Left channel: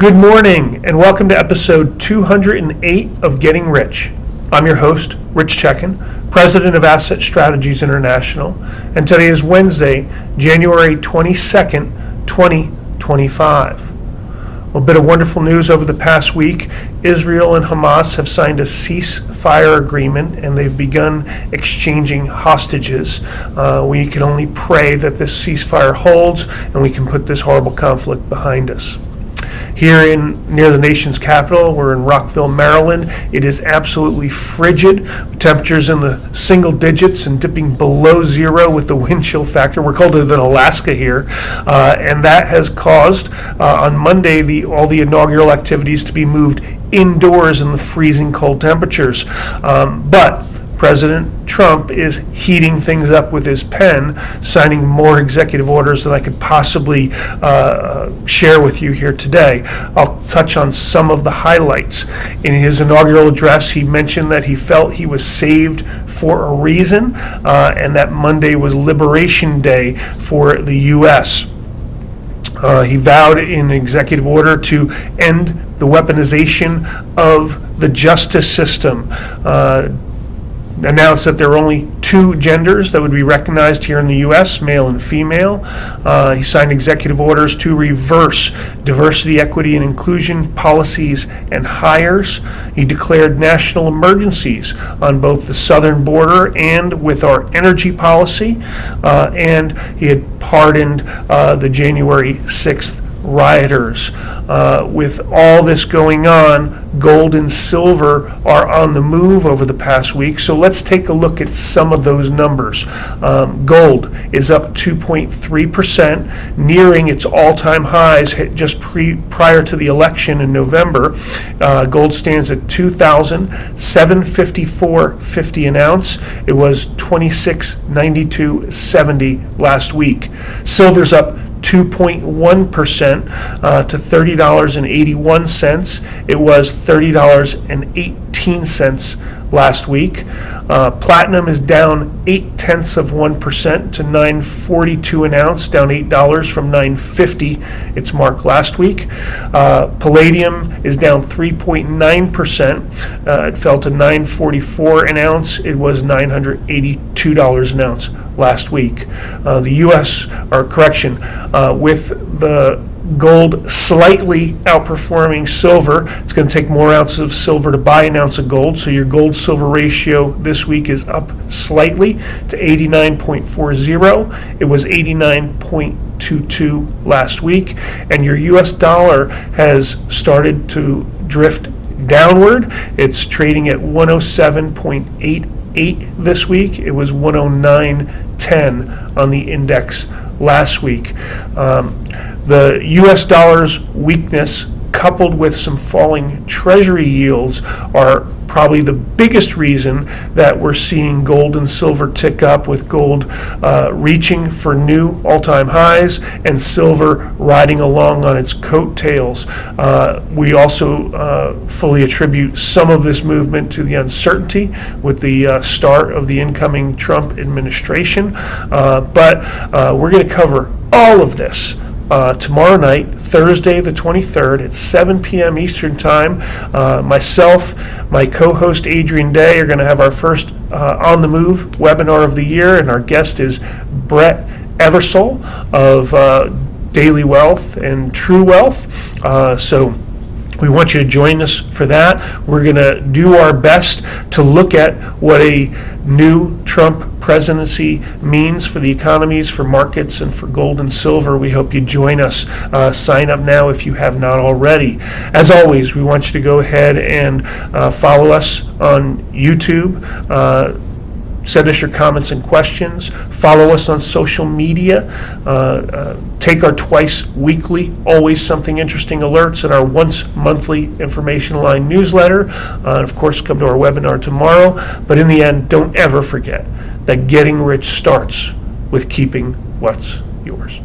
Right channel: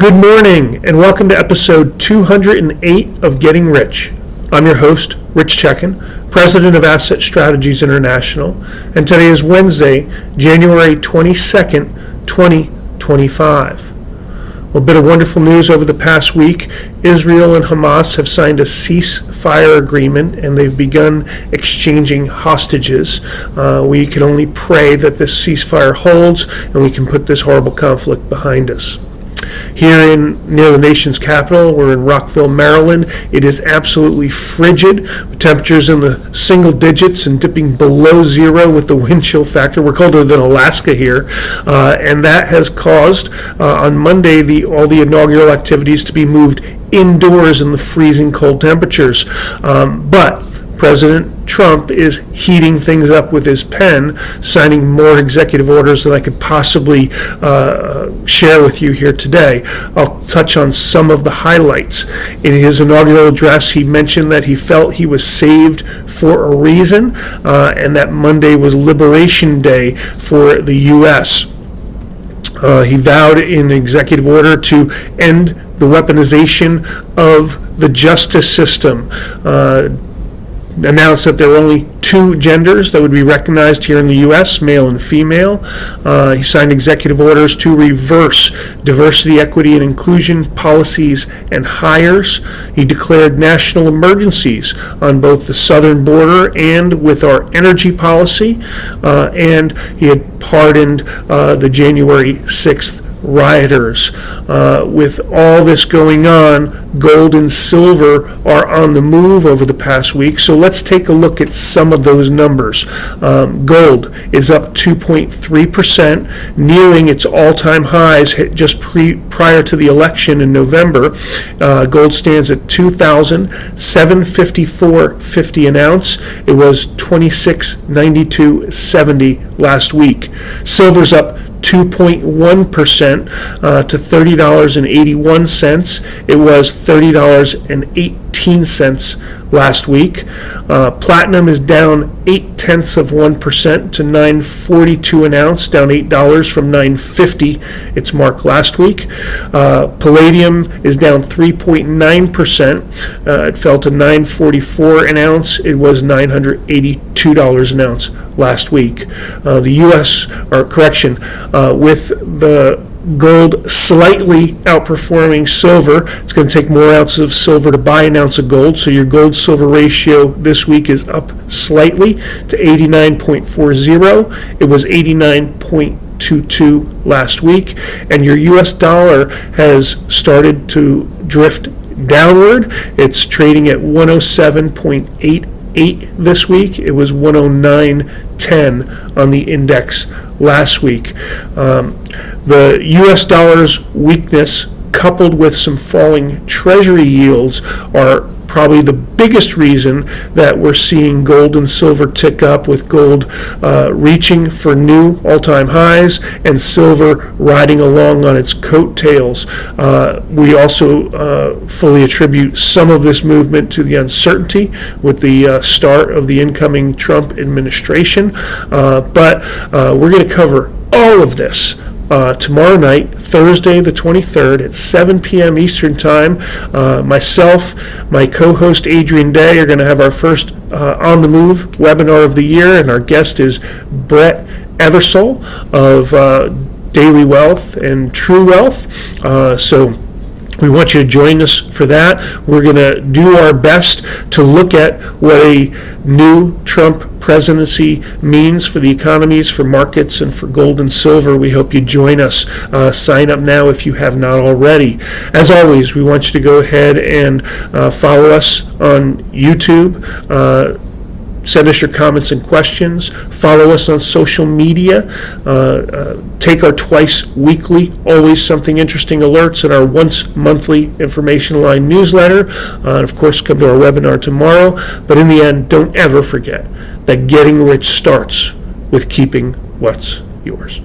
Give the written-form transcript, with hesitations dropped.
Good morning, and welcome to episode 208 of Getting Rich. I'm your host, Rich Checkan, president of Asset Strategies International, and today is Wednesday, January 22nd, 2025. Well, a bit of wonderful news over the past week. Israel and Hamas have signed a ceasefire agreement, and they've begun exchanging hostages. We can only pray that this ceasefire holds, and we can put this horrible conflict behind us. Here near the nation's capital, we're in Rockville, Maryland. It is absolutely frigid, with temperatures in the single digits and dipping below zero with the wind chill factor. We're colder than Alaska here, and that has caused on Monday all the inaugural activities to be moved indoors in the freezing cold temperatures. But President Trump is heating things up with his pen, signing more executive orders than I could possibly share with you here today. I'll touch on some of the highlights. In his inaugural address, he mentioned that he felt he was saved for a reason, and that Monday was Liberation Day for the U.S. He vowed in executive order to end the weaponization of the justice system, announced that there are only two genders that would be recognized here in the U.S., male and female. He signed executive orders to reverse diversity, equity, and inclusion policies and hires. He declared national emergencies on both the southern border and with our energy policy. And he had pardoned the January 6th rioters. With all this going on, gold and silver are on the move over the past week. So let's take a look at some of those numbers. Gold is up 2.3%, nearing its all-time highs hit just prior to the election in November. Gold stands at $2,754.50 an ounce. It was $26.92.70 last week. Silver's up 2.1% to $30.81. It was $30.18 last week. Platinum is down 0.8% to $9.42 an ounce, down $8 from $9.50 its mark last week. Palladium is down 3.9%. It fell to $9.44 an ounce. It was $982 an ounce last week. The U.S. with the gold slightly outperforming silver. It's going to take more ounces of silver to buy an ounce of gold, so your gold-silver ratio this week is up slightly to 89.40. It was 89.22 last week, and your U.S. dollar has started to drift downward. It's trading at 107.88 this week. It was 109.10 on the index last week. The U.S. dollar's weakness, coupled with some falling Treasury yields, are probably the biggest reason that we're seeing gold and silver tick up, with gold reaching for new all-time highs and silver riding along on its coattails. We also fully attribute some of this movement to the uncertainty with the start of the incoming Trump administration. But we're going to cover all of this tomorrow night, Thursday the 23rd at 7 p.m. Eastern Time. Myself, my co-host Adrian Day are going to have our first On the Move webinar of the year, and our guest is Brett Eversole of Daily Wealth and True Wealth. So we want you to join us for that. We're going to do our best to look at what a new Trump presidency means for the economies, for markets, and for gold and silver. We hope you join us. Sign up now if you have not already. As always, we want you to go ahead and follow us on YouTube. Send us your comments and questions. Follow us on social media. Take our twice weekly, always something interesting alerts and our once monthly information line newsletter. And of course, come to our webinar tomorrow. But in the end, don't ever forget that getting rich starts with keeping what's yours.